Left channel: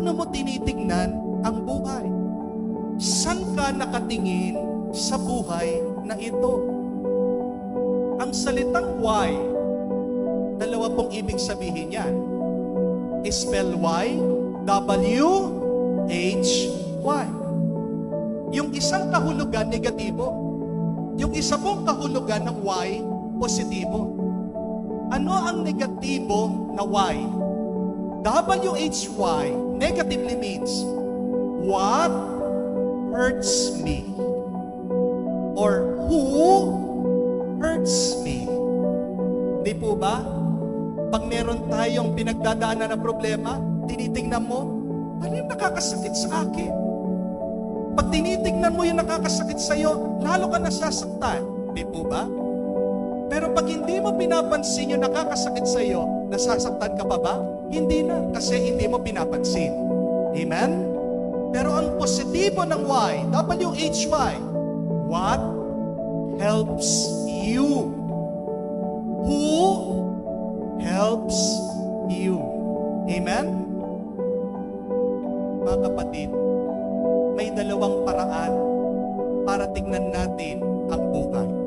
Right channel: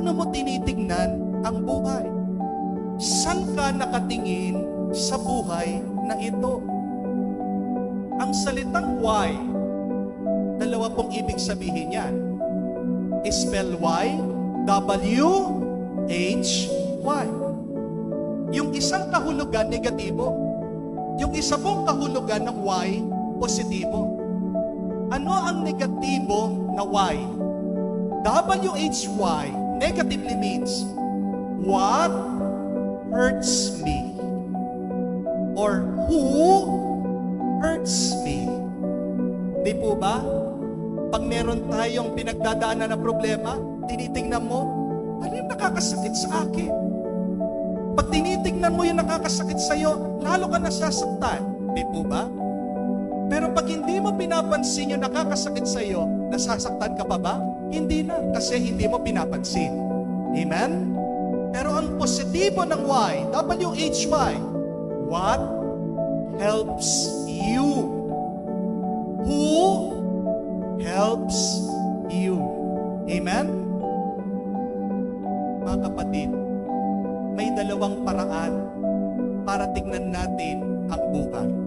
Paano mo tinitignan ang buhay? Saan ka nakatingin sa buhay na ito? Ang salitang why, dalawa pong ibig sabihin yan. Spell Y, W-H-Y. Yung isang kahulugan, negatibo. Yung isa pong kahulugan ng Y, positibo. Ano ang negatibo na Y? W-H-Y negatively means what hurts me or who hurts me. Di po ba? Pag meron tayong pinagdadaanan na problema, tinitingnan mo, ano yung nakakasakit sa akin? Pag tinitingnan mo yung nakakasakit sa'yo, lalo ka nasasaktan. Di po ba? Pero pag hindi mo pinapansin yung nakakasakit sa'yo, nasasaktan ka pa ba? Hindi na, kasi hindi mo pinapansin. Amen? Pero ang positibo ng Y, W-H-Y, what helps you? Who helps you? Amen? Mga kapatid, may dalawang paraan para tignan natin ang buhay.